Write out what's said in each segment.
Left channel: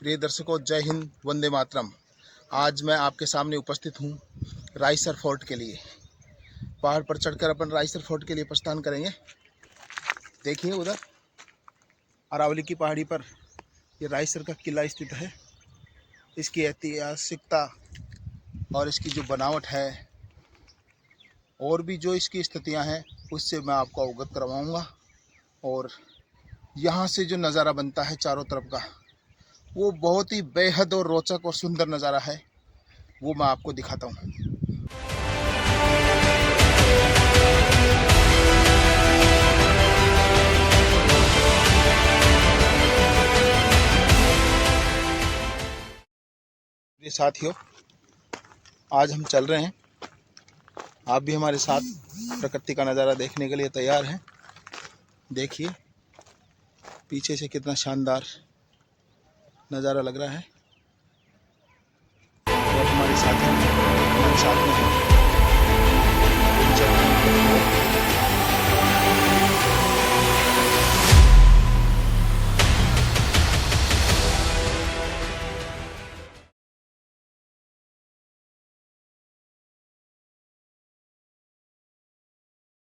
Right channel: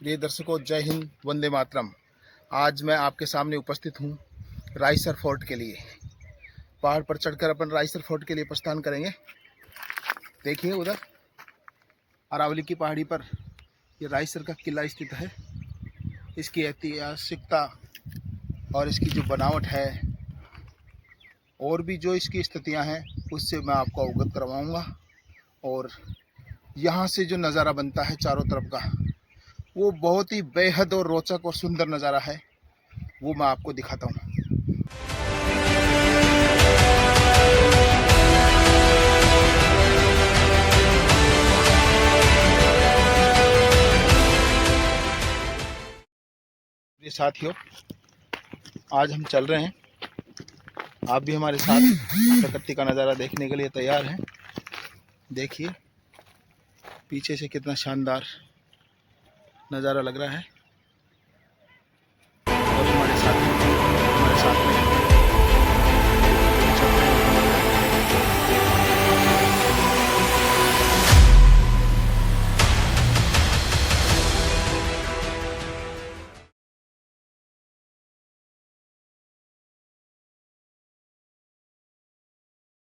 प्रिय दर्शकों, जय हिंद, वंदे मातरम। आज मैं आपके सामने उपस्थित हूँ रायसर फोर्ट के लिए। पहाड़ पर चढ़कर अपन रायसर फोर्ट के लिए प्रस्थान करेंगे। देखिए उधर अरावली की पहाड़ी पर ये रायसर का किला स्थित है। इसकी ऐतिहासिकता और इसकी जो बनावट है और भी जो इसकी स्थितियाँ हैं उससे मैं आपको अवगत करवाऊँगा। और यहाँ से जो नज़ारा बनता है चारों तरफ का, वो बहुत ही बेहद और रोचक और सुंदर नज़ारा है। वो मैं आपको दिखाता हूँ। मेरे साथियों, आज हम चल रहे हैं। आप भी हमारे साथ प्रकृति का नज़ारा देखने के लिए तैयार हैं। देखिए पीछे से कितना शानदार नज़ारा लग रहा है और हमारे साथी हमारे साथ में हैं।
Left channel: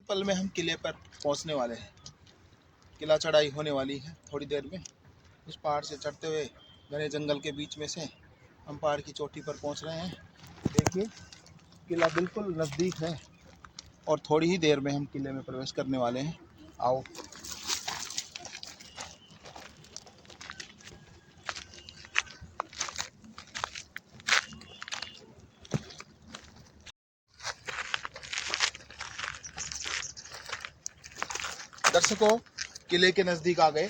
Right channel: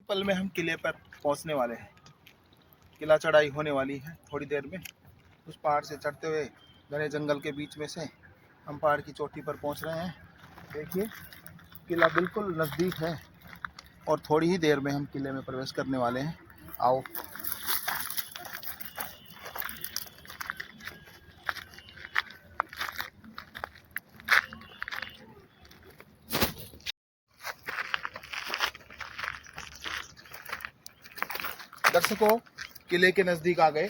पल में हम किले पर पहुंचने वाले हैं। किला चढ़ाई होने वाली है थोड़ी देर में। उस पहाड़ से चढ़ते हुए घने जंगल के बीच में से हम पहाड़ की चोटी पर पहुंच रहे हैं। देखिए किला बिल्कुल नज़दीक है और थोड़ी ही देर में हम किले में प्रवेश करने वाले हैं। आओ। दर्शकों, किले के नज़दीक आ गए।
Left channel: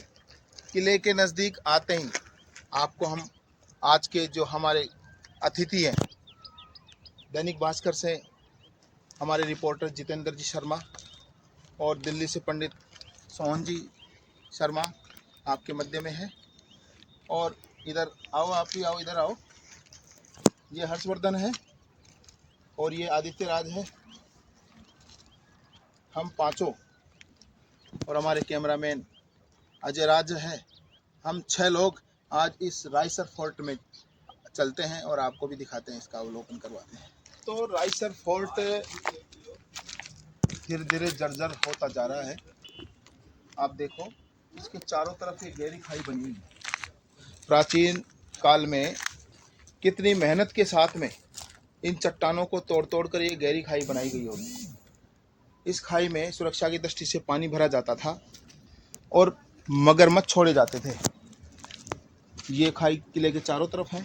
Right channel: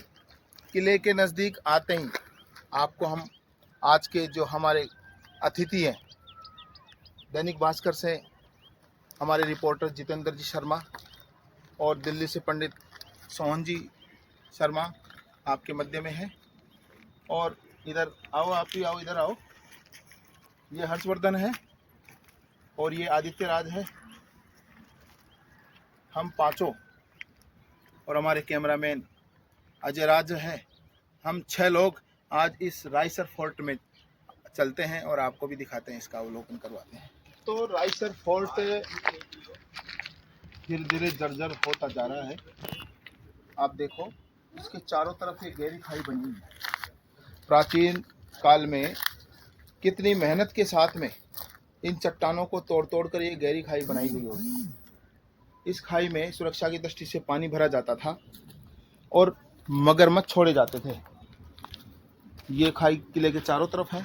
किले के नज़दीक आते ही आपको हम आज के जो हमारे अतिथि हैं, दैनिक भास्कर से हमारे रिपोर्टर जितेंद्र जी शर्मा और दिल्ली से पंडित सोहन जी शर्मा आपके मध्य में है। और इधर आओ, आप भी आओ, इधर आओ। ये हर्षवर्धन है और ये आदित्य राज है। हम पांचों और हमारे कैमरामैन अजय राज है। हम 6 लोग आज इस रायसर फोर्ट में चलते हैं और आपको भी दिखाते हैं, इसका अवलोकन करवाते हैं। तो रायसर फोर्ट धीरे धीरे जर्जर होता जा रहा है। आप देखो इसके चारों तरफ एक गहरी खाई बनी हुई है। प्राचीन काल में कितनी मेहनत के साथ में इन चट्टानों को तोड़ तोड़ कर ये गहरी खाई बनाई गई होगी। इस खाई में सुरक्षा की दृष्टि से पानी भरा जाता था और मगरमच्छ छोड़े जाते थे। ये खाई किले के चारों तरफ है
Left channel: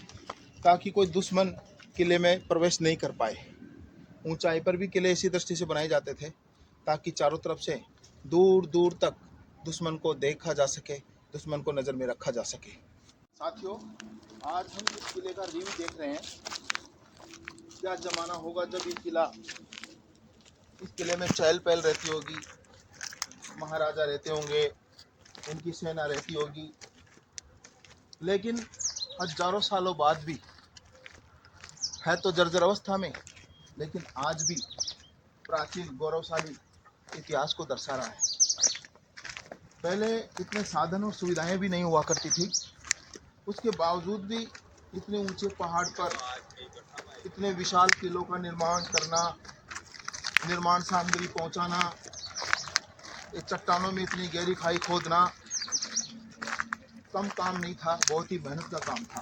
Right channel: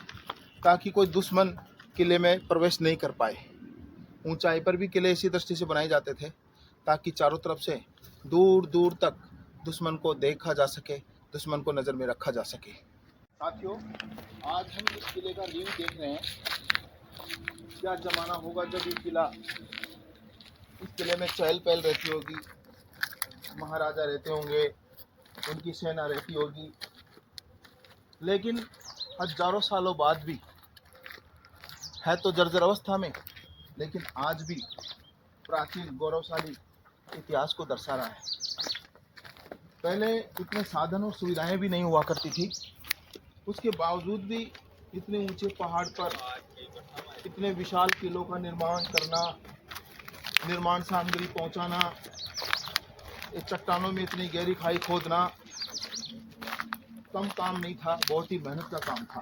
ताकि कोई दुश्मन किले में प्रवेश नहीं कर पाए। ऊंचाई पर भी किले इसी दृष्टि से बनाए जाते थे ताकि चारों तरफ से दूर दूर तक दुश्मन को देखा जा सके, दुश्मन को नज़र में रखा जा सके। साथियों, आज हम इस किले का रिव्यू देख रहे हैं। क्या ज़माना होगा जब ये किला, इस किले में चहल पहल रहती होगी, महाराजा रहते होंगे, उनकी सेना रहती होगी। लेकिन हजारों सालों बाद भी है तो जर्जर अवस्था में, लेकिन आज भी प्राचीन गौरवशाली इतिहास को दर्शा रहा है। पहले इतने साधन और सुविधाएं भी नहीं हुआ करती थी, उसके बावजूद भी इतने ऊंचे पहाड़ पर इतने विशाल किलों का निर्माण करना, निर्माण सामग्री पहुंचाना, इस चट्टानों में इतनी गहरी खाई खोदना कम काम नहीं था, बहुत ही मेहनत का काम था।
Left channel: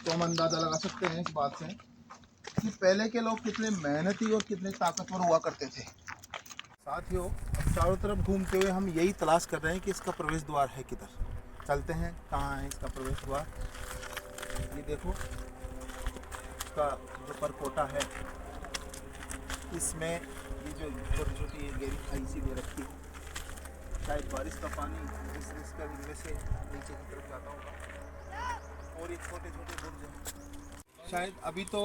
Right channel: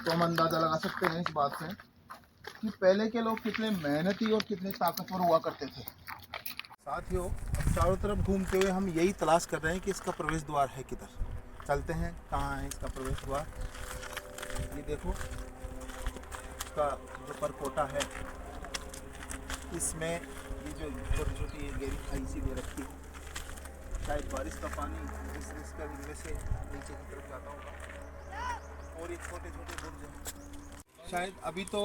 तो हम अंदाज़ा लगा सकते हैं इस बात से कि पहले के लोग कितने मेहनती और कितने ताकतवर हुआ करते थे। साथियों, अब चारों तरफ घूमते हुए हम यही तलाश कर रहे हैं कि इसका प्रवेश द्वार है किधर। चलते हैं, कहाँ है इसका प्रवेश द्वार। ये देखो इसका जो परकोटा है, इसमें ये जो छोटी छोटी गहरी खाई सी दे रखी है। शायद बारिश का पानी इसका इनमें से नीचे की तरफ जाता होगा। और ये छोटे छोटे बुर्ज हैं, शायद अभी तो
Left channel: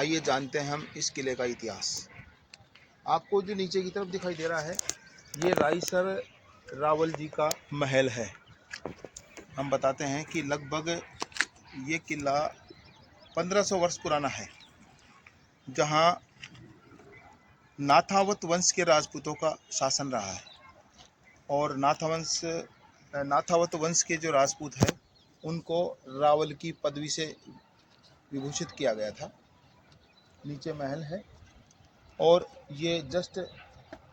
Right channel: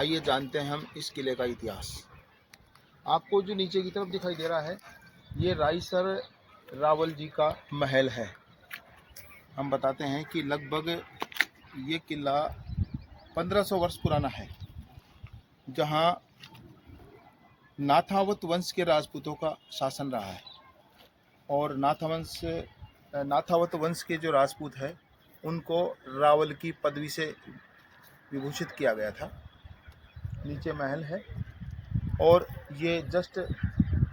आइए जानते हैं हम इस किले का इतिहास। आपको जो नीचे की तरफ दिखाई दे रहा है, ये रायसर रावल जी का महल है। हम बताते हैं कि लगभग ये किला 1500 वर्ष पुराना है, जहाँ नाथावत वंश के राजपूतों का शासन रहा है। और नाथावत वंश के जो राजपूत है, उनको रावल की पदवी से विभूषित किया गया था। नीचे महल है और ये जस्ट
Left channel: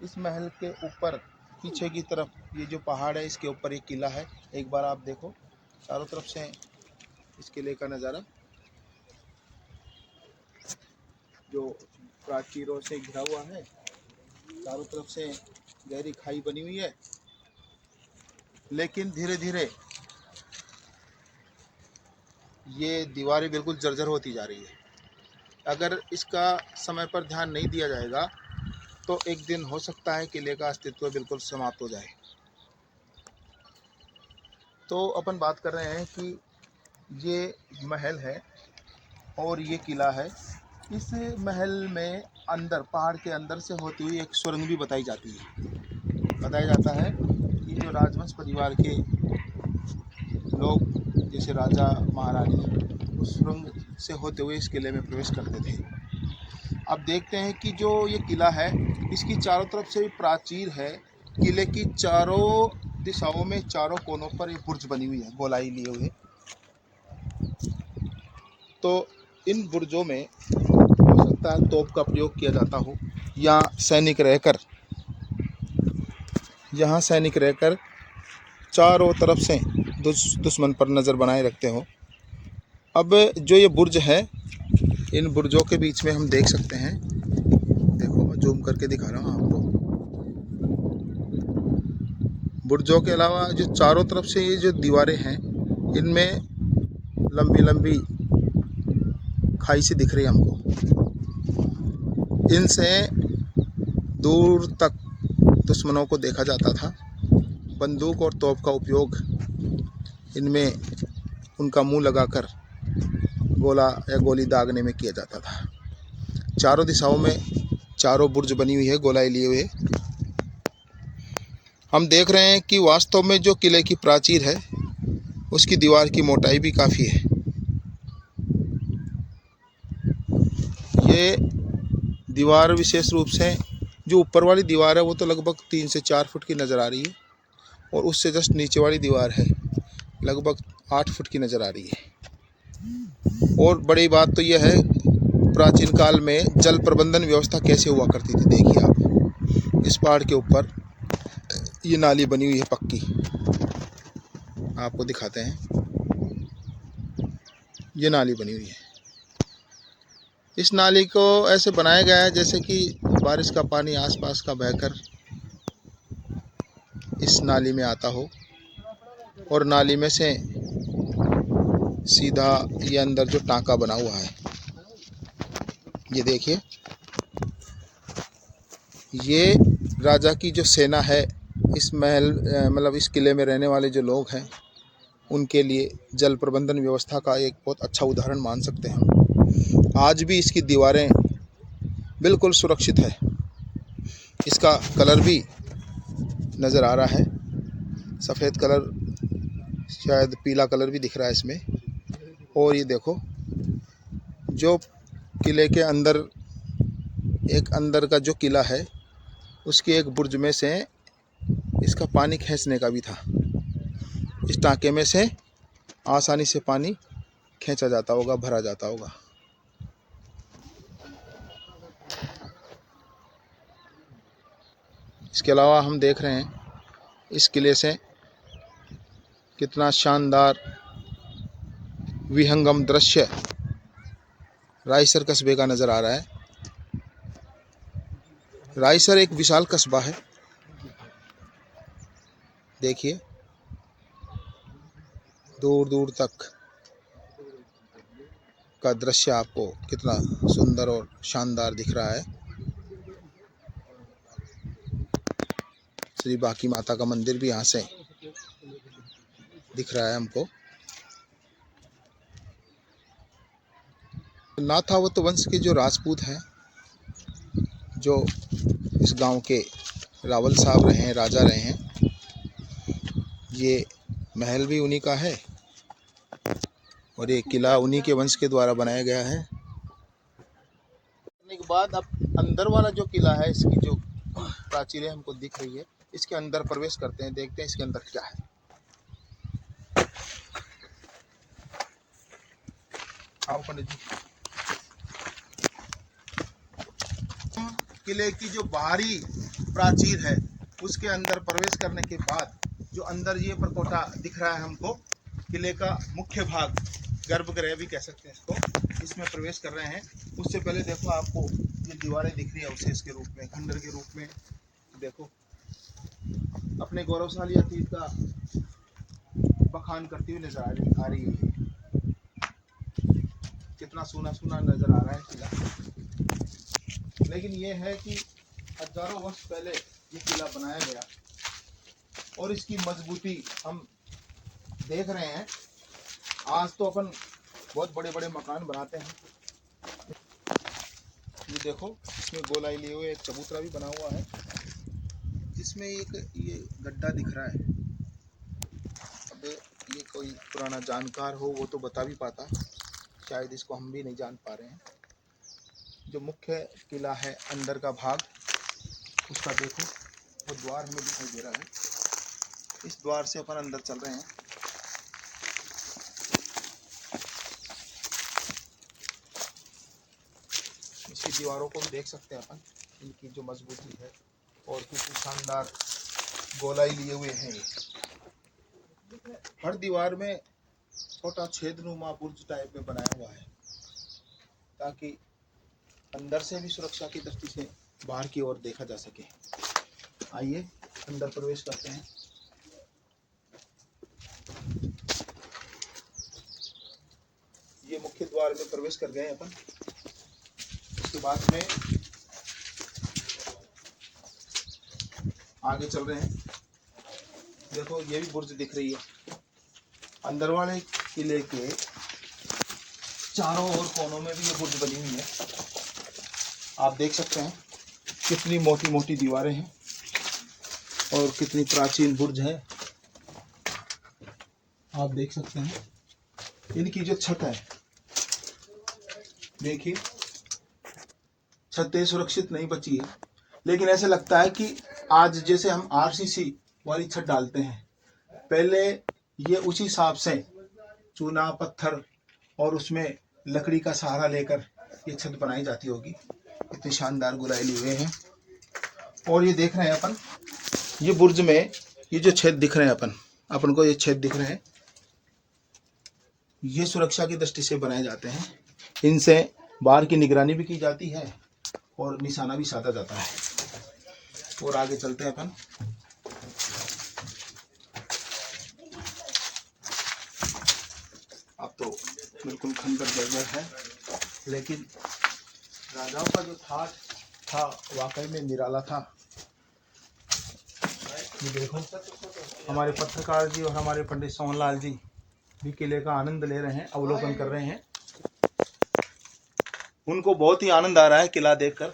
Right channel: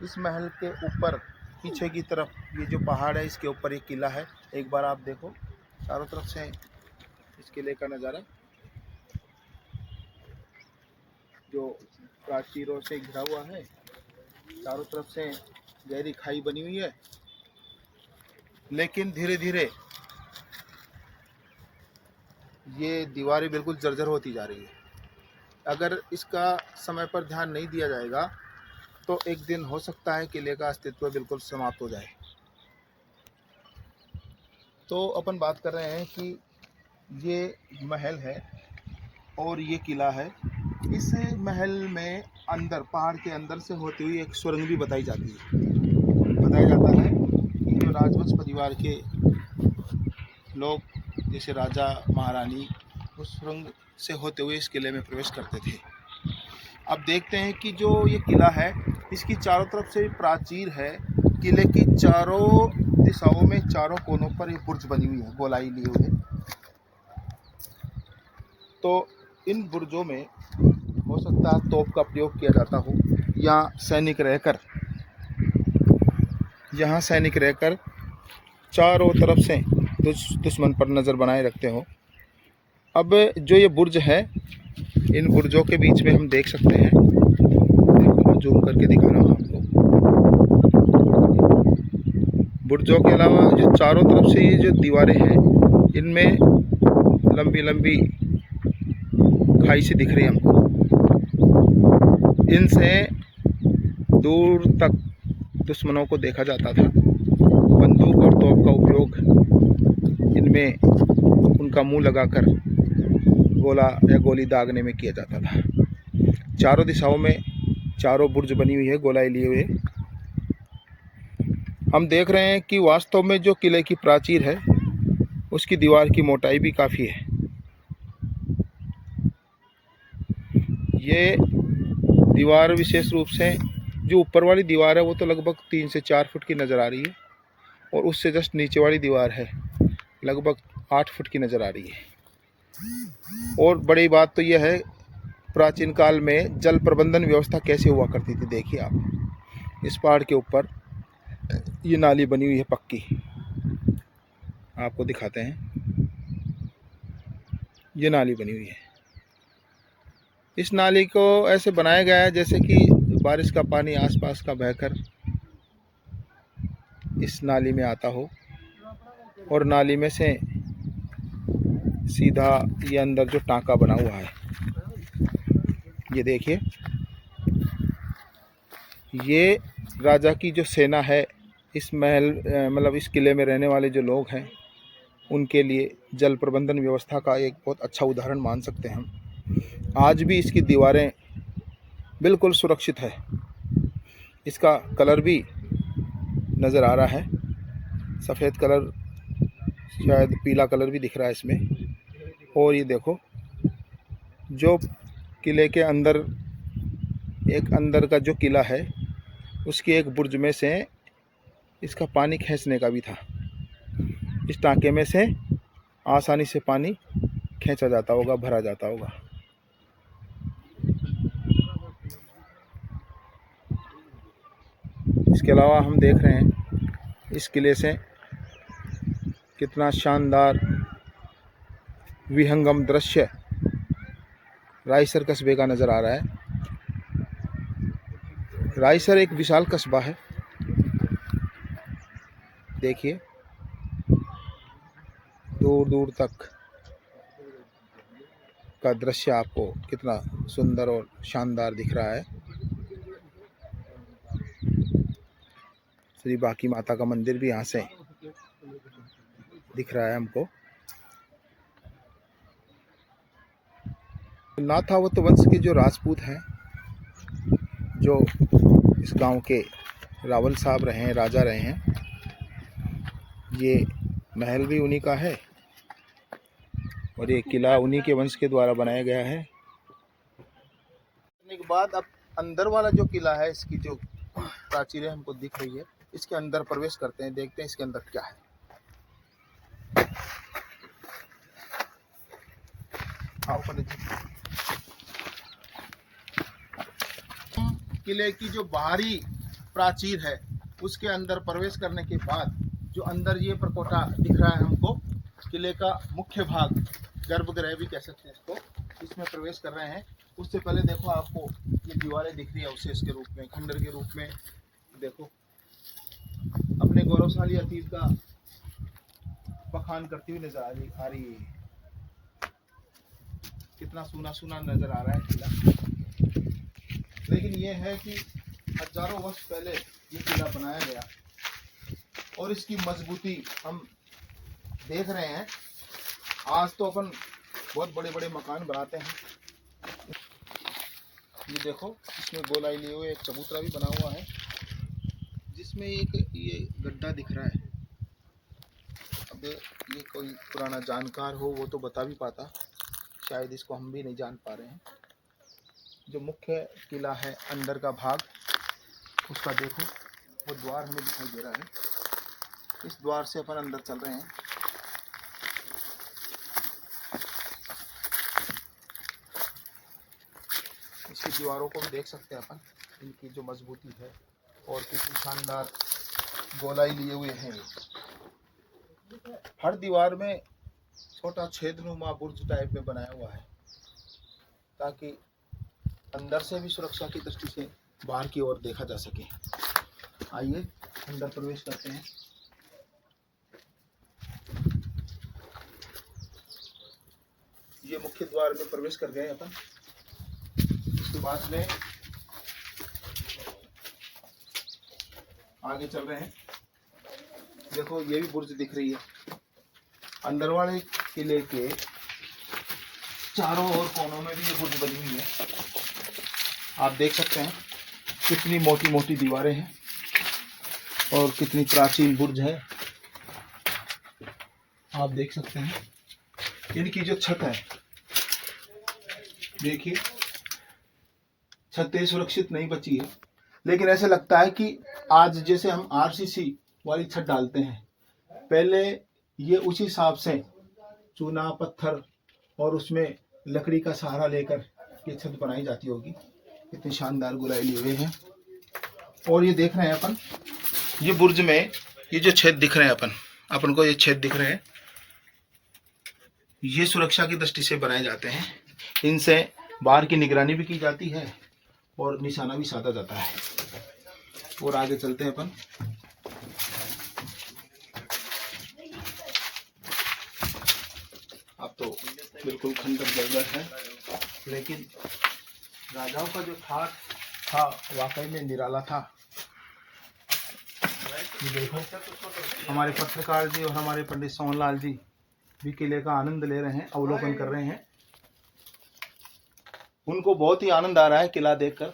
इस महल के ऊपर पीछे की तरफ ये जो पहाड़ है, इसके ऊपर एक किला है। एक बार आप देखो चारों तरफ से इस किले का नज़ारा, जो प्राचीरों से घिरा हुआ है। चारों तरफ से गहरी खाई बनी हुई है, लेकिन धीरे धीरे ये दीवारें बिल्कुल जर्जर होती जा रही है। अगर इसका समय पर ध्यान नहीं दिया जाएगा तो एक दिन हो सकता है किले का अस्तित्व बिल्कुल समाप्त हो जाए। तो अपन बात कर रहे हैं कि ये महल है और ये किला है। इस महल में अंदर, पहाड़ के अंदर से होती हुई एक सुरंग भी बताई जाती है। बताया जाता है कि जो राजवंश परिवार के लोग, जैसे राजा महारानी, उस सुरंग से होते हुए इस किले में प्रवेश करते थे। अब देखते हैं कि जो ये किला है, इसकी चारों तरफ से प्राचीर है। किले की चारों दिशाओं में, चारों कोनों पर ये बुर्ज बनी हुई है, गोलाई लिए हुए। तो इन बुर्जों में हो सकता है तोप का प्रयोग किया जाता हो, या यहाँ सैनिक रहकर चारों तरफ से दुश्मन पर नज़र बनाए रखते हो। अब जो ये बुर्ज है, इन बुर्जों के बीच में हम देख सकते हैं, देखो मैं जूम करके दिखा रहा हूँ आपको। बुर्जों के अलावा जो चारों तरफ से ये जो दीवारें हैं, इनमें लंबी लंबी खाई से दिख रही है हमको। इनसे दूर तक दुश्मनों को देखा जाता था। बंदूक और तोप का उपयोग इनमें उनका मुंह लगाकर गोला या गोली दागने में किया जाता था। चारों दिशाओं में चारों बुर्ज बनी हुई है, गोलाई लिए हुए। हम देख रहे हैं कि वास्तव में जो किले की प्राचीर है, उसकी दीवार की मोटाई भी काफ़ी है। ये दीवार विशेष रूप से जो ऊपर वाली दीवार है, वो तो लगभग 3 से 4 फुट की नज़र आ रही है, और उससे जस्ट नीचे वाली दीवार है लगभग 8 फुट की नज़र आ रही है। और बड़ी बात तो यह है, प्राचीन काल में जल प्रबंधन व्यवस्था कैसे हुआ करती थी। देखिए आप, इस पहाड़ के ऊपर ये नाली बनी हुई है पक्की, आपको दिखाते हैं। ये नाली बनी हुई है। इस नाली को ऐसे बनाया गया है जैसे कि बारिश का पानी आसपास का बहकर इस नाली में आता हो, और नाली में से सीधा ये अंदर जो टांका बना हुआ है, ये देखिए, ये राजा की जो सेना है, इस महल मतलब इस किले में रहने वाले जो लोग हैं, उनके लिए जल प्रबंधन व्यवस्था का एक बहुत अच्छा उदाहरण मान सकते हैं हम। आज भी इसकी दीवारें बिल्कुल सुरक्षित है। इसका कलर भी नज़र आ रहा है, सफ़ेद कलर, शायद पीला कलर भी दिख रहा है इसमें। और ये देखो, जो किले के अंदर, एक अंदर का जो किला है, उसकी एक बुर्ज में से इसका पानी खींचने का भी था। इस टांके में से आसानी से पानी खींचा जाता होगा, भरा जाता होगा। इसके अलावा हम देख रहे हैं इस किले से कितना शानदार विहंगम दृश्य रायसर कस्बे का नज़र आ रहा है। रायसर एक विशाल कस्बा है। देखिए, दूर दूर तक का दृश्य आपको कितना सुंदर और शानदार दिख रहा है। श्री बांकी माता का मंदिर भी यहाँ से दिख रहा है हमको। नाथावत वंश के जो राजपूत हैं, जो इस गांव के रावल साहब रहे हैं, राजा रहे हैं, ये महल भी उन्हीं का है और ये किला उन्हीं के वंश के द्वारा बनाया गया है। करने के बाद अब अंदर वाला जो किला है, इसकी जो प्राचीरें हमको दिख रही है, इसके अंदर प्रवेश करते हैं, देखते हैं इसके अंदर क्या है। आओ पंडित जी। किले की जो बाहरी प्राचीर है, उसके अंदर प्रवेश करने के बाद जो अंदर ये प्रकोटा दिख रहा है हमको, किले का मुख्य भाग, गर्भगृह भी कह सकते हैं इसको, इसमें प्रवेश कर रहे हैं। उससे पहले देखो, आपको ये दीवारें दिख रही है उसे इसके रूप में, खंडर के रूप में देखो, अपने गौरवशाली अतीत का बखान करती हुई नजर आ रही है। कितना सूना सूना नजर आ रहा है किला। लेकिन ये है कि हजारों वर्ष पहले ये किला बनाया गया और इसकी मजबूती हम देख रहे हैं। आज तो अपन बहुत बड़े बड़े मकान बनाते हैं। ये देखो, इसमें गोलाई लिए हुए एक चबूतरा भी बना हुआ है, जिसमें एक ये गड्ढा दिख रहा है। अब ये कोई पुराना जानकार हो वो तो बता भी पाता, शायद इसको हम भी नहीं जान पा रहे हैं। जो मुख्य किला है, अंदर का भाग, उसका देखो, वो द्वार हमें दिखाई दे रहा है। इस द्वार से अपन अंदर चल रहे हैं। इसकी दीवारों को भी देख सकते हैं अपन, इनकी जो मजबूती है और कितनी शानदार गोलाई लिए हुए हैं। हर दीवार में छोटा छेदनुमा बुर्ज टाइप में बनाया हुआ है, ताकि अंदर से भी सुरक्षा की दृष्टि से बाहर की ओर देखा जा सके। आइए अंदर प्रवेश करते हैं। ये मुख्य द्वार में प्रवेश कर गए अपन। इसके बाद में आगे चल रहे हैं। देखो, ये भी बुर्ज दिख रही है। अंदर वाले किले के चारों ओर कोनों में भी ये बुर्ज बनी हुई है। आप देख सकते हैं कितनी मोटी मोटी दीवारें हैं और कितनी प्राचीन बुर्ज है। आप देख सकते हैं इनकी जो छत है, देखिए, छतें सुरक्षित नहीं बची है, लेकिन ऐसे लगता है कि आज जैसे हम आरसीसी वाली छत डालते हैं, पहले ये उसी हिसाब से चूना पत्थर और उसमें लकड़ी का सहारा लेकर ये छत बनाई जाती होगी। इतनी शानदार गोलाई लिए हुए हैं। और ये देख रहे हैं अपन, ये बुर्ज में ये जो छेद दिख रहे हैं अपन को ये छेद दिख रहे हैं, ये सुरक्षा की दृष्टि से बनाए जाते हैं। इनसे बाहर की निगरानी भी की जाती है और निशाना भी साधा जाता है। और आगे चलते हैं अपन। अब तो बिल्कुल खंडर जर्जर है, लेकिन राजाओं का जो ठाठ था वाकई में निराला था। ये देखो, हमारे पत्रकार जी और हमारे पंडित सोहनलाल जी भी किले का आनंद ले रहे हैं, अवलोकन कर रहे हैं। उनको बहुत ही आनंद आ रहा है किला देखकर।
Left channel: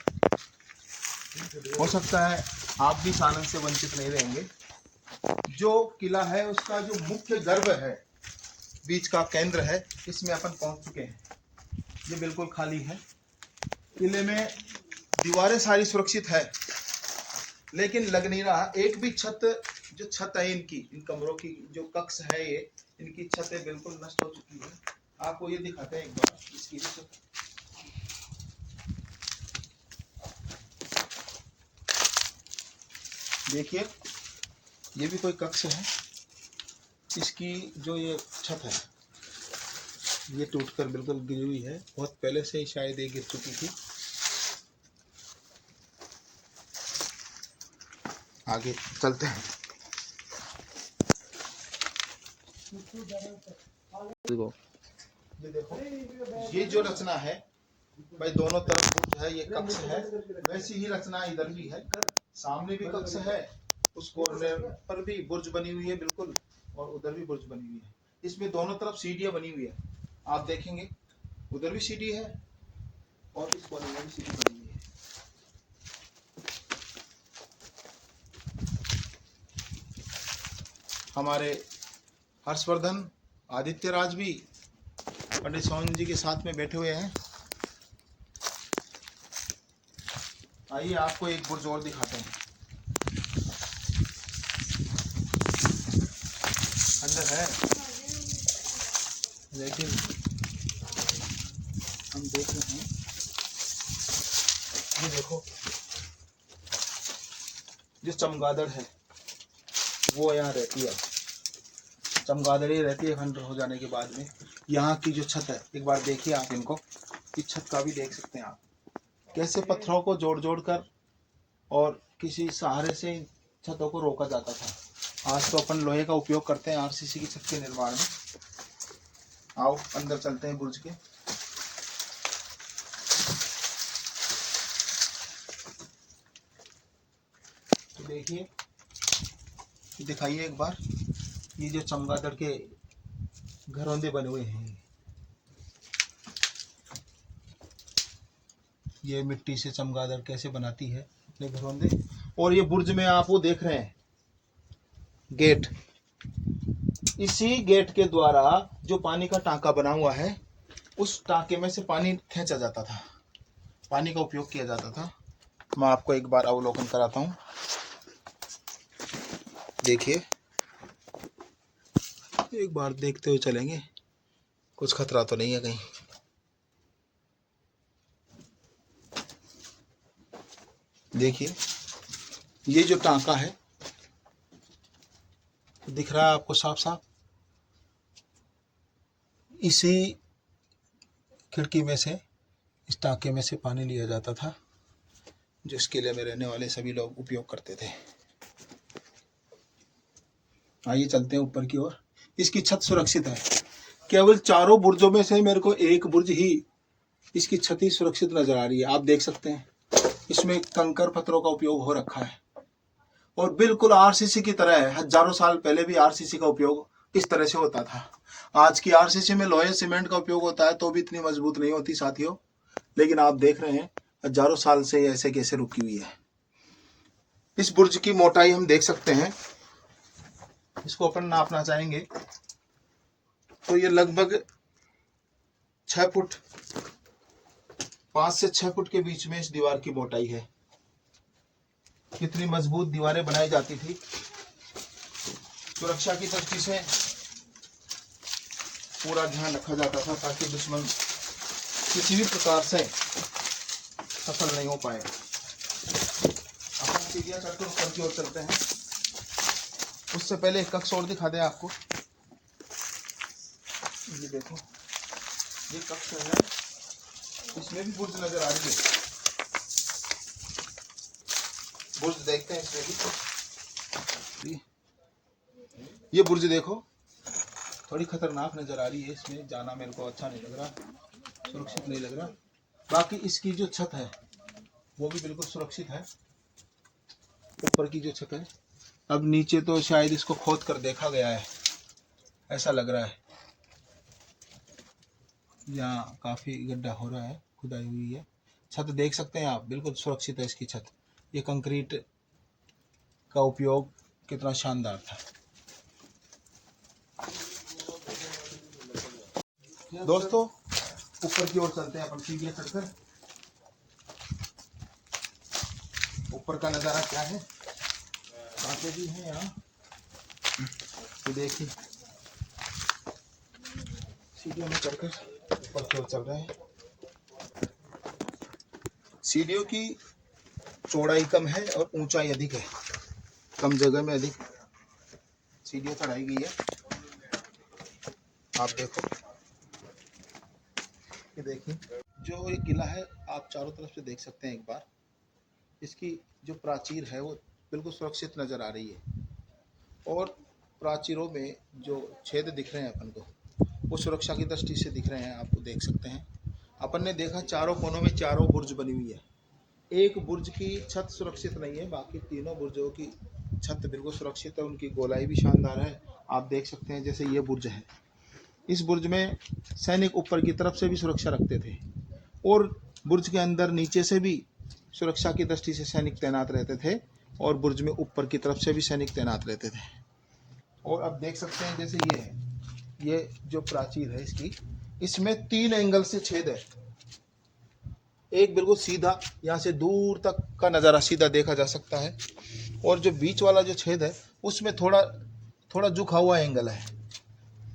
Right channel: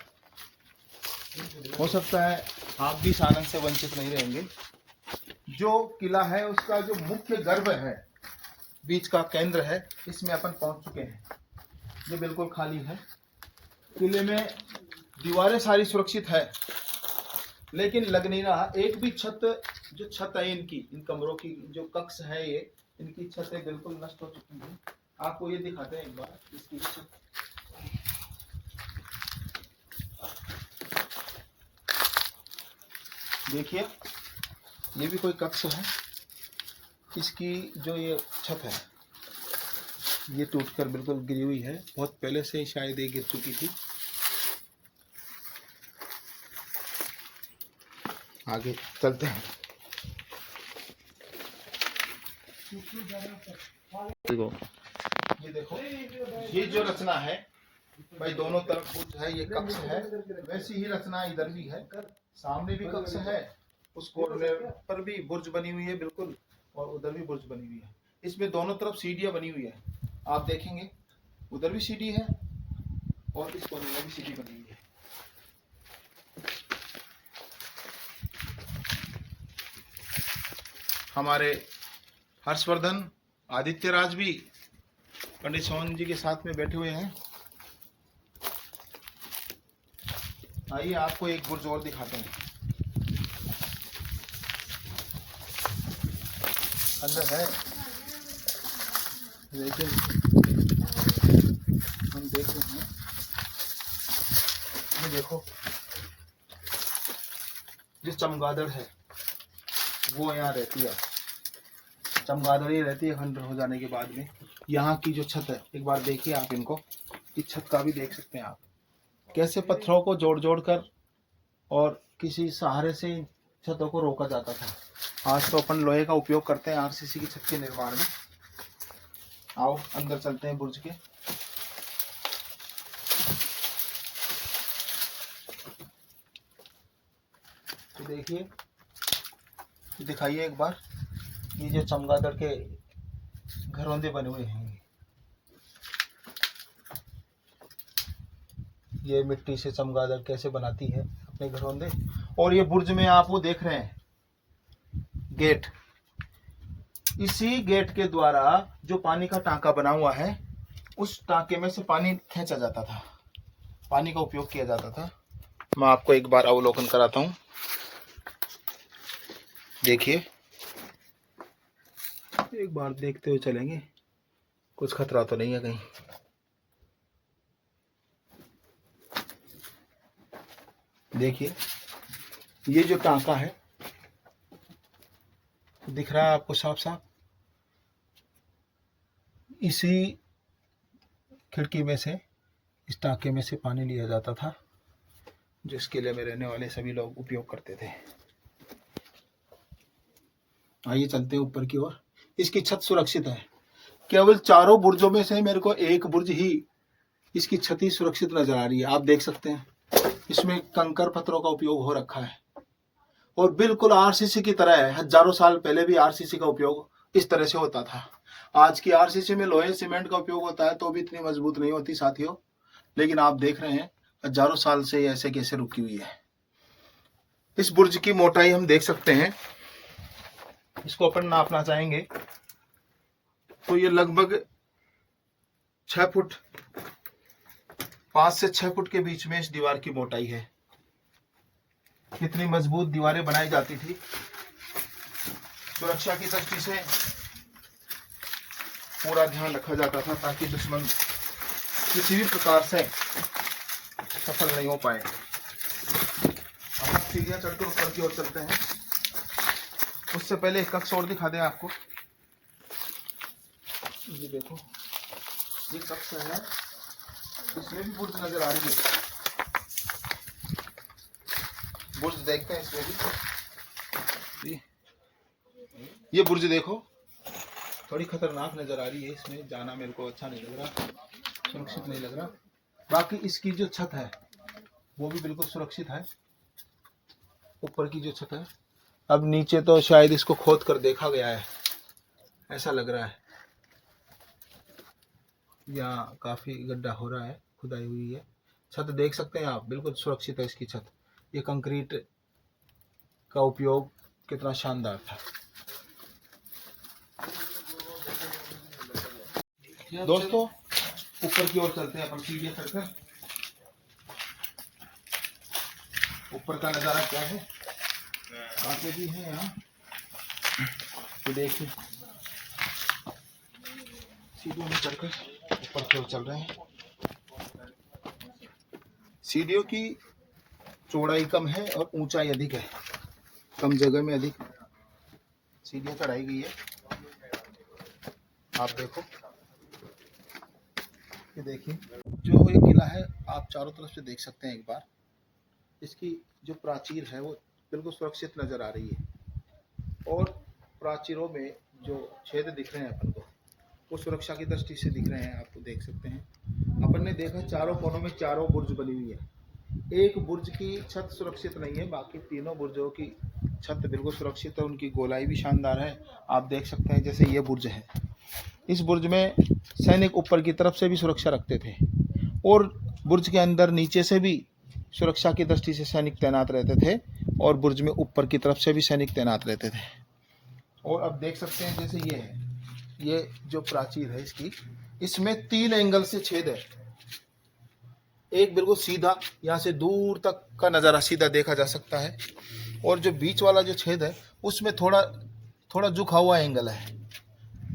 हो सकता है आप भी इस आनंद से वंचित नहीं रहेंगे। जो किला है उसका जो मुख्य गर्भ है, बीच का केंद्र है, इसमें अपन पहुंच चुके हैं। ये बिल्कुल खाली है। किले में दीवारें सारी सुरक्षित है, लेकिन लग नहीं रहा एक भी छत, जो छत है इनकी, इन कमरों की जो कक्ष है, ये इनकी छतें बिल्कुल नष्ट हो चुकी है। आपको ये दिखाते हैं एक बार इसकी छत। देखिए, ये भी कोई कक्ष है। इसकी जो ये छत है, ये टूटकर बिल्कुल गिरी हुई है। बहुत पहले से ही शायद ये गिर चुकी थी। आगे चलते हैं। ये देखो, ये जो रचना है भाई, दोनों तरफ बुर्ज है, ये कक्ष है। वैसी ही रचना इधर भी है, सामने भी कक्ष है, उस कॉर्नर पर भी बुर्ज बनी हुई है बिल्कुल, और उधर भी बुर्ज बनी हुई है। इसमें दोनों तरफ सीढ़ियां बनी हुई है। आप देखेंगे उधर भी सीढ़ी है और इस कोने में भी सीढ़ी बनी हुई है। हमारे हर्षवर्धन आदित्य राज भी पंडित सोहन जी के साथ में बैठे हुए हैं। आइए आपको एक बुर्ज और दिखाते हैं। अंदर है, लेकिन हम देख रहे हैं। ये देखो, जो चमगादड़ है वो यहाँ रहती है। चमगादड़ ही रहती है खंडर हो जाने के बाद में। यहाँ की जो छत है, एक बार देखिए आप इनको, इस छत का भी देख सकते हैं आप, कैसे पत्थरों को जोड़ जोड़ कर और किसी सहारे से छतों को रोका जाता था। आज तो अपन लोहे का उपयोग करते हैं आरसीसी की छत के निर्माण में। आओ अंदर चलते हैं बुर्ज के। तो देखिए, दिखाइए एक बार, ये जो चमगादड़ के घरौंदे बने हुए हैं, ये मिट्टी से चमगादड़ कैसे बनाती है अपने घरौंदे। और ये बुर्ज में आप वो देख रहे हैं गेट, इसी गेट के द्वारा जो पानी का टांका बना हुआ है, उस टांके में से पानी खींचा जाता था, पानी का उपयोग किया जाता था। मैं आपको एक बार अवलोकन कराता हूँ। देखिए, एक बार देखते हुए चलेंगे, कुछ खतरा तो नहीं है कहीं। देखिए, ये जो टांका है दिख रहा है आपको साफ साफ, इसी खिड़की में से, इस टांके में से पानी लिया जाता था, जो इस किले में रहने वाले सभी लोग उपयोग करते थे। आइए चलते हैं ऊपर की ओर। इसकी छत सुरक्षित है। केवल चारों बुर्जों में से मेरे को एक बुर्ज ही इसकी छत ही सुरक्षित नजर आ रही है। आप देख सकते हैं, इसमें कंकर पत्थरों का उपयोग हो रखा है और बिल्कुल आरसीसी की तरह है। हजारों साल पहले भी आरसीसी का उपयोग इस तरह से होता था। आज की आरसीसी में लोहे सीमेंट का उपयोग होता है तो भी इतनी मजबूत नहीं होती साथियों, लेकिन आप देख रहे हैं हजारों साल से ऐसे कैसे रुकी हुई है। इस बुर्ज की मोटाई हम देख सकते हैं, इसको अपन नापना चाहेंगे तो ये लगभग 6 फुट, 5 से 6 फुट के बीच में इस दीवार की मोटाई है। कितनी मजबूत दीवारें बनाई जाती थी। सुरक्षा की दृष्टि से पूरा ध्यान रखा जाता था ताकि दुश्मन किसी भी प्रकार से सफल नहीं हो पाए। अब सीढ़ियां चढ़कर ऊपर की ओर चलते हैं। उससे पहले एक कक्ष और दिखा दें आपको। ये देखो, ये कक्ष है, इसमें भी बुर्ज नजर आ रही है। बुर्ज देखते हैं इसमें भी। ये बुर्ज देखो, थोड़ी खतरनाक नजर आ रही है। इसमें जाना मेरे को अच्छा नहीं लग रहा, सुरक्षित नहीं लग रहा। बाकी इसकी जो छत है वो भी बिल्कुल सुरक्षित है। ऊपर की जो छत है, अब नीचे तो शायद इसको खोद कर देखा गया है, ऐसा लग रहा है। यहाँ काफी गड्ढा हो रहा है, खुदाई हुई है। छत देख सकते हैं आप, बिल्कुल सुरक्षित है इसकी छत। ये कंक्रीट का उपयोग कितना शानदार था। दोस्तों ऊपर की ओर चलते हैं अपन सीढ़ियां चढ़कर। ऊपर का नज़ारा क्या है, कांटे भी हैं यहाँ। तो देखिए, सीढ़ियों में चढ़कर ऊपर की ओर चल रहे हैं। सीढ़ियों की चौड़ाई कम है और ऊंचाई अधिक है, कम जगह में अधिक सीढ़ियां चढ़ाई गई है। आप देखो, ये देखिए, जो ये किला है आप चारों तरफ से देख सकते हैं एक बार। इसकी जो प्राचीर है वो बिल्कुल सुरक्षित नज़र आ रही है और प्राचीरों में जो छेद दिख रहे हैं अपन को, वो सुरक्षा की दृष्टि से दिख रहे हैं। आप देख सकते हैं, अपन ने देखा चारों कोनों में चारों बुर्ज बनी हुई है। एक बुर्ज की छत सुरक्षित नहीं है, बाकी तीनों बुर्जों की छत बिल्कुल सुरक्षित है। उनकी गोलाई भी शानदार है। आप देख सकते हैं, जैसे ये बुर्ज है, इस बुर्ज में सैनिक ऊपर की तरफ से भी सुरक्षा रखते थे और बुर्ज के अंदर नीचे से भी सुरक्षा की दृष्टि से सैनिक तैनात रहते थे और बुर्ज में ऊपर की तरफ से भी सैनिक तैनात रहते थे। और अब देख सकते हैं जैसे ये है, ये जो प्राचीर है इसकी, इसमें 3 एंगल से छेद है। एक बिल्कुल सीधा, यहाँ से दूर तक का नज़ारा सीधा देखा जा सकता है, और जो बीच वाला जो छेद है उसमें थोड़ा थोड़ा झुका हुआ एंगल है,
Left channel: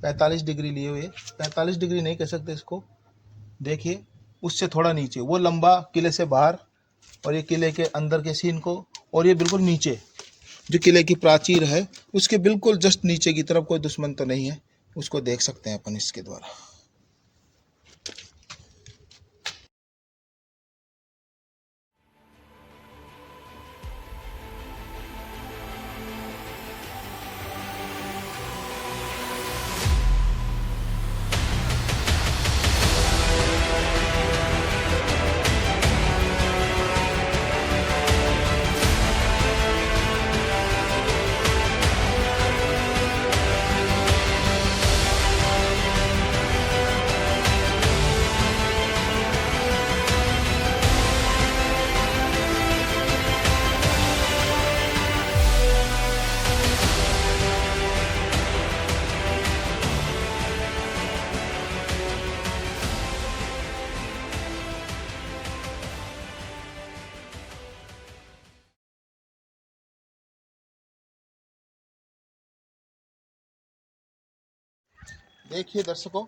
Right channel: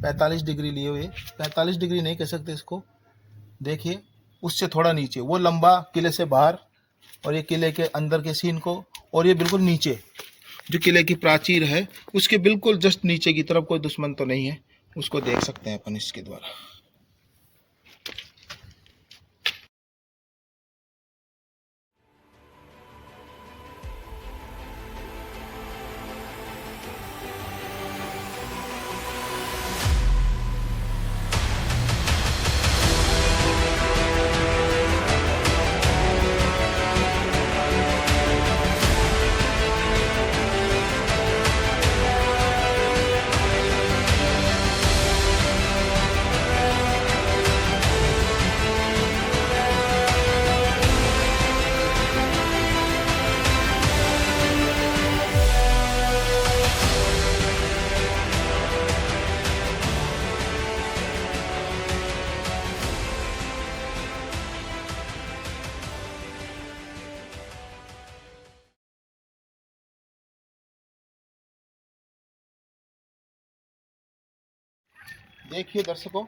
45 डिग्री लिए हुए। 45 डिग्री नहीं कह सकते इसको, देखिए उससे थोड़ा नीचे, वो लंबा किले से बाहर और ये किले के अंदर के सीन को, और ये बिल्कुल नीचे जो किले की प्राचीर है उसके बिल्कुल जस्ट नीचे की तरफ कोई दुश्मन तो नहीं है, उसको देख सकते हैं अपन इसके द्वारा। देखिए दर्शकों,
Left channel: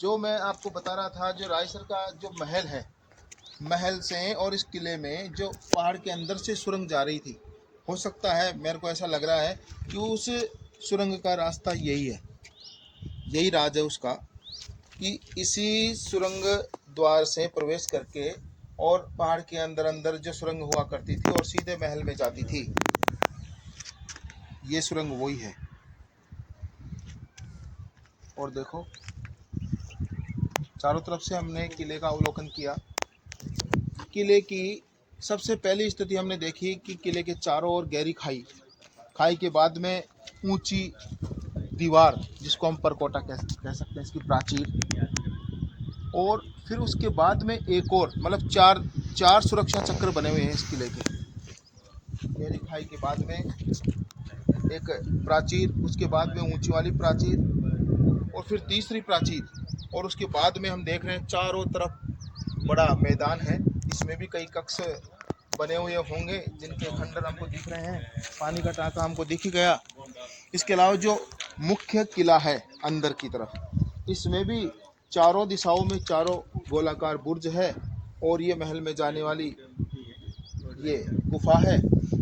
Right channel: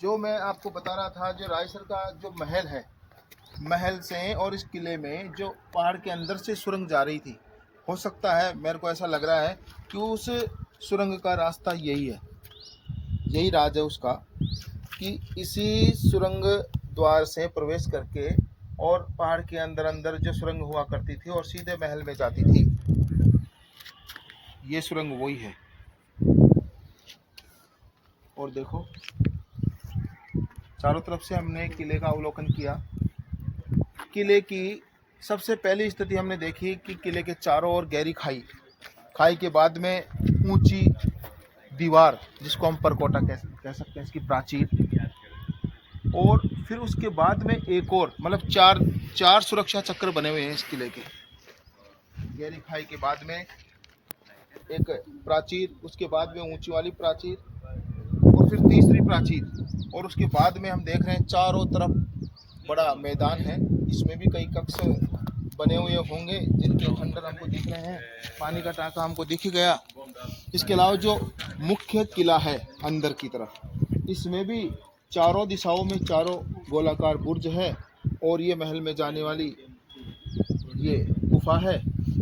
जो मैं आपको बता रहा था, जो रायसर का जो महल है, महल से और इस किले में जो पहाड़ के अंदर से सुरंग जा रही थी, हो सकता है, मेरे को ऐसा लग रहा है कि उस सुरंग का रास्ता यही है, यही राज है उसका, कि इसी सुरंग द्वार से प्रवेश करके और पहाड़ के अंदर अंदर जो सुरंग हुआ करती थी और सीधे महल में जाती थी, ये सुरंग वही है। और देखो चारों तरफ से हमने किले का अवलोकन किया। किले की सबसे पहली स्थिति हमने देखी कि किले के चारों ओर गहरी खाई, खाई के बाद में ऊंची दीवार जिसको हम परकोटा कह सकते हैं, इसकी प्राचीर, और फिर उसके बाद में एक और मतलब चार सुरक्षा चक्र बने हुए हैं इस किले के। गहरी खाई के बाद में एक प्राचीर, उसके बाद में ऊंची वाली प्राचीर, और फिर तीसरी प्राचीर, और उसके बाद में हम देख रहे हैं चारों तरफ बड़ा मैदान है। इसमें भी कई कक्ष बने हुए होंगे जिनके खंडर हमको दिख रहे हैं, पानी का टांका हमको दिख ही गया। इसके अलावा जो मुख्य किला है अंदर की तरफ, इसमें भी चारों दिशाओं में चारों गोलाकार बुर्ज है, और ये महल में जाने वाली ये गुफा है।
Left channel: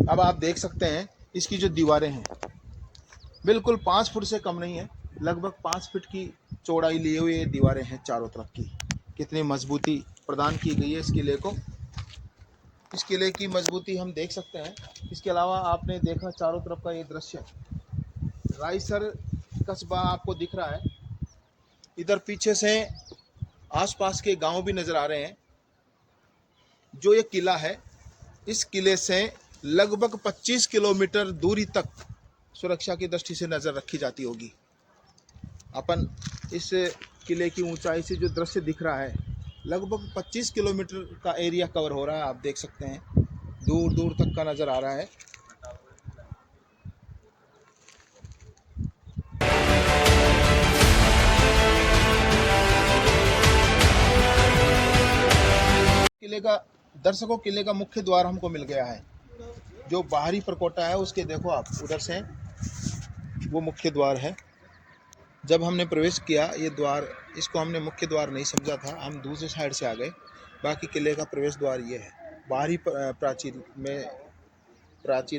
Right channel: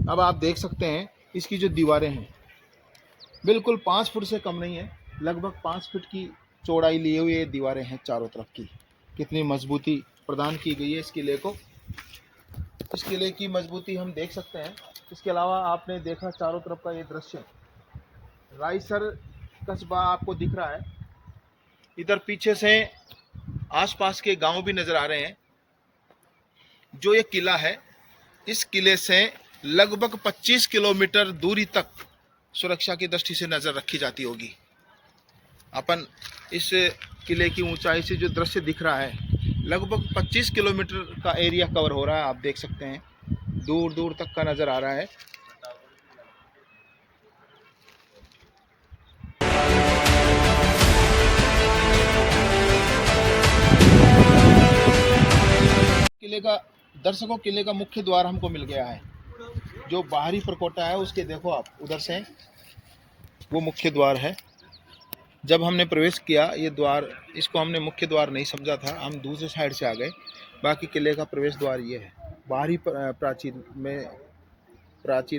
अब आप देख सकते हैं इसकी जो दीवारें हैं बिल्कुल 5 फुट से कम नहीं है, लगभग 5 फीट की चौड़ाई लिए हुए ये दीवारें हैं चारों तरफ की। कितनी मजबूती प्रदान की गई है इस किले को, इस किले की मजबूती हम देख सकते हैं। इसके अलावा आपने देखा चारों तरफ का ये दृश्य, रायसर कस्बा आपको दिख रहा है, इधर पीछे से आसपास के गांव भी नज़र आ रहे हैं। जो ये किला है, इस किले से लगभग 25 किलोमीटर दूरी तक सुरक्षा की दृष्टि से नज़र रखी जाती होगी। अपन इस किले की ऊंचाई से जो दृश्य दिख रहा है, लगभग 25 किलोमीटर का एरिया कवर हो रहा है, आप देख सकते हैं, दूर दूर तक का नज़र आ रहा है। किले का दर्शकों, किले का मुख्य द्वार हमको मिल गया है। जो बाहरी परकोटा है उसके देखो आप उधर से, वो मुख्य द्वार है। जब हमने प्रवेश किया ये द्वार, इसको हमने मुख्य द्वार नहीं समझा था, हम दूसरे साइड से आ गए। बाकी किले का प्रवेश द्वार ये है। बाहरी प्राचीर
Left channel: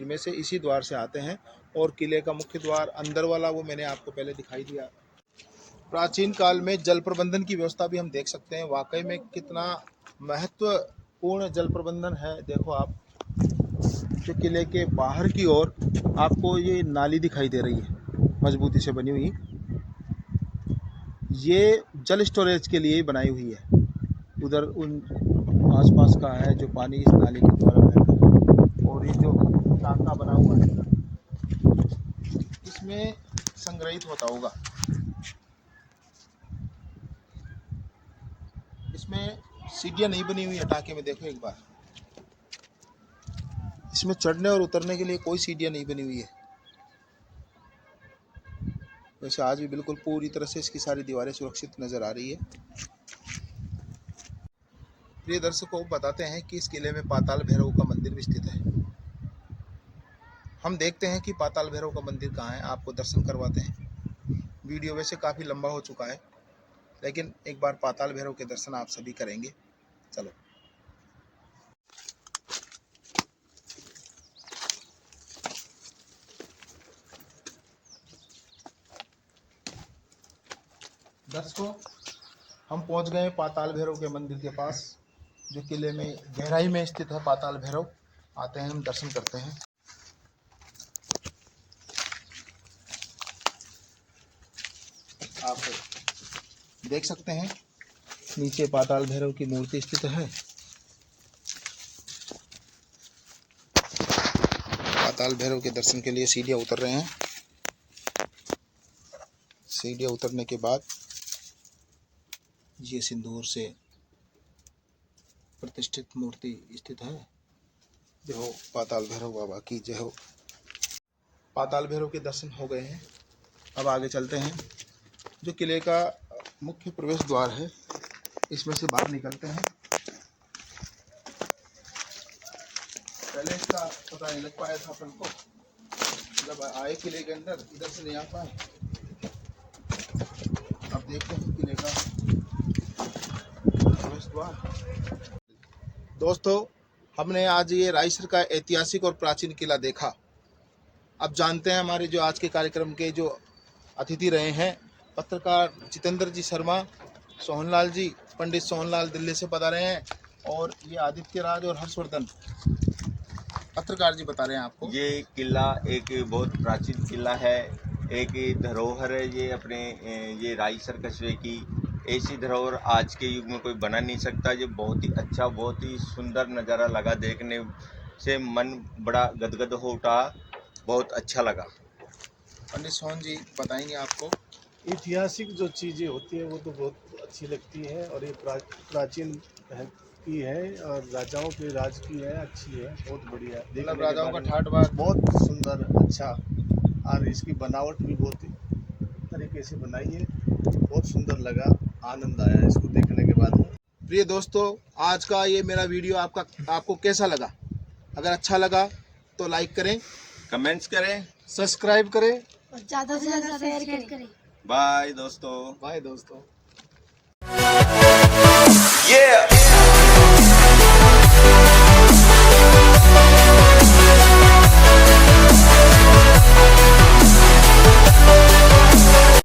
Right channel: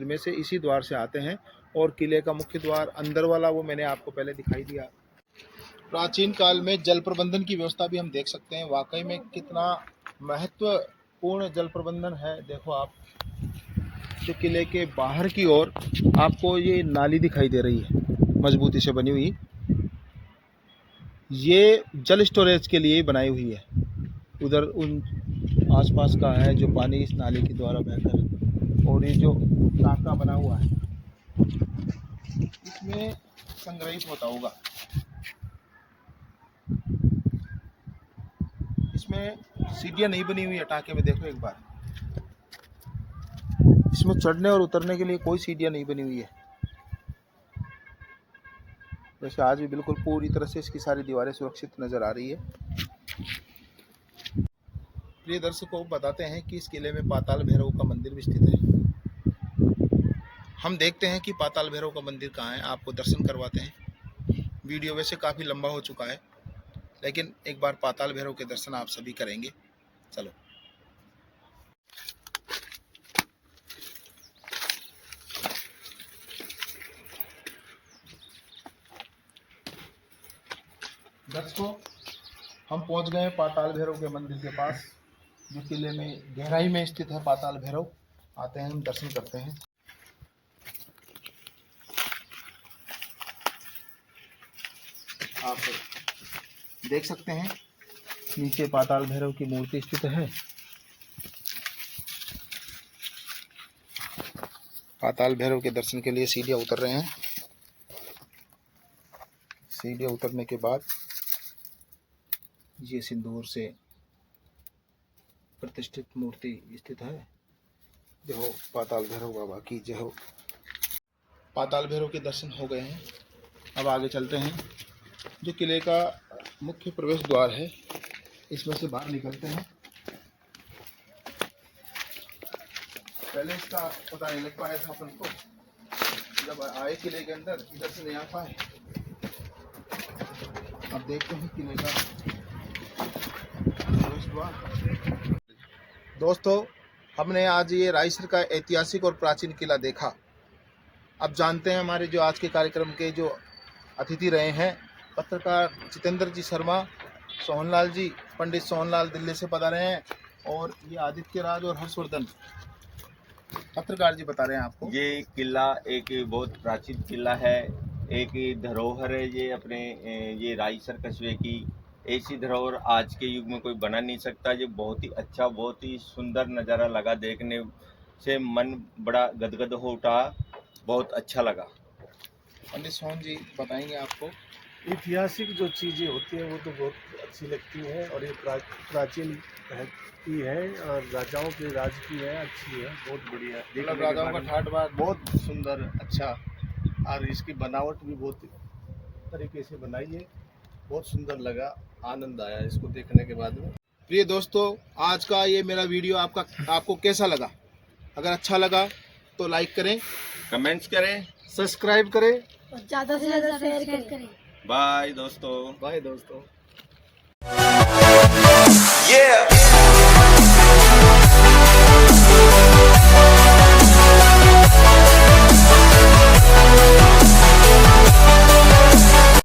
में से इसी द्वार से आते हैं, और किले का मुख्य द्वार अंदर वाला वो मैंने आपको पहले दिखाई दिया। प्राचीन काल में जल प्रबंधन की व्यवस्था भी हम देख सकते हैं, वाकई में कितना महत्वपूर्ण जल प्रबंधन है। देखो आप, तो किले के बाहर की ओर आपको ये नाली दिखाई दे रही है मजबूती से बनी हुई, ये जल स्टोरेज के लिए बनाई हुई है। उधर उन आसपास का है जो पानी इस नाली के द्वारा बहता है, और ये जो टांका बना हुआ है इसमें संग्रहित होता होगा। इसमें सीढ़ियाँ नहीं बनी हुई है टाके में, देखो एक बार। इसमें चढ़ने और उतरने के लिए कोई सीढ़ियाँ नहीं बनी हुई है। जैसे आज भी बिल्कुल पूरी तरह से इसकी सारी दीवारें सुरक्षित नज़र आ रही है। प्रिय दर्शकों, बताते हैं कि इस किले में पाताल भैरव का मंदिर भी स्थित है। हम देखते हैं कि पाताल भैरव का मंदिर कहाँ है, आपको दर्शन करवाते हैं। वीडियो वैसे काफ़ी लंबा हो चुका है, लेकिन एक बार पाताल भैरव के दर्शन आप सभी करेंगे। चलो। दर्शकों, हम पहुंच गए पाताल भैरव के मंदिर के पास, जो किले में गहराई में स्थित है। पाताल भैरव आते हैं, हम दर्शन करते हैं। आप देख सकते हैं नीचे पाताल भैरव की मूर्ति स्थित है। पाताल भैरव के दर्शन के लिए सीढ़ियाँ उतर रहे हैं। सीढ़ियाँ उतरने के बाद ये सिंदूर से प्रतिष्ठित मूर्ति स्थित है। जय हो पाताल भैरव बाबा की जय हो। पाताल भैरव के दर्शन हो गए हैं, अब आगे चलते हैं। जो किले का मुख्य प्रवेश द्वार है, इसमें से बाहर निकलते हैं। पहले इसका पता नहीं लग पाया था अपन को, जब आए किले के अंदर इधर से नहीं आ पाए। अब देखते हैं किले का प्रवेश द्वार। दोस्तों, हमने आज ये रायसर का ऐतिहासिक और प्राचीन किला देखा। अब जानते हैं हमारे जो आज के कार्यक्रम के जो अतिथि रहे हैं, पत्रकार जितेंद्र जी शर्मा, सोहनलाल जी, पंडित सोहनलाल दिल्ली से पधारे हैं, और ये आदित्य राज और हर्षवर्धन पत्रकार जी बता रहे हैं आपको। ये किला एक बहुत प्राचीन किला है, एक धरोहर है ये अपने ये रायसर कस्बे की। ऐसी धरोहर आज के युग में कोई बना नहीं सकता। ये बहुत ही अच्छा, बहुत ही सुंदर नज़ारा लगा, देखने से मन बड़ा गदगद हो उठा, बहुत अच्छा लगा। पंडित सोहन जी बताएंगे आपको। ऐतिहासिक जो चीज़ें होती हैं वो तो बहुत अच्छी लगती है, और ये प्राचीन की है और राजाओं के राज की है, अच्छी है, बहुत बढ़िया है। मतलब राजाओं का ठाट बात बहुत सुंदर, अच्छा, और इसकी बनावट भी बहुत तरीके से बनाई है, बहुत सुंदर लगा, आनंद आया इसको देखने के बाद में। प्रिय दोस्तों, आज का ये मेरा वीडियो आपको कैसा लगा? अगर अच्छा लगा तो लाइक करें, कमेंट्स करें, सब्सक्राइब करें और ज़्यादा से ज़्यादा शेयर करें। बाय दोस्तों। बाय दोस्तों। Yeah.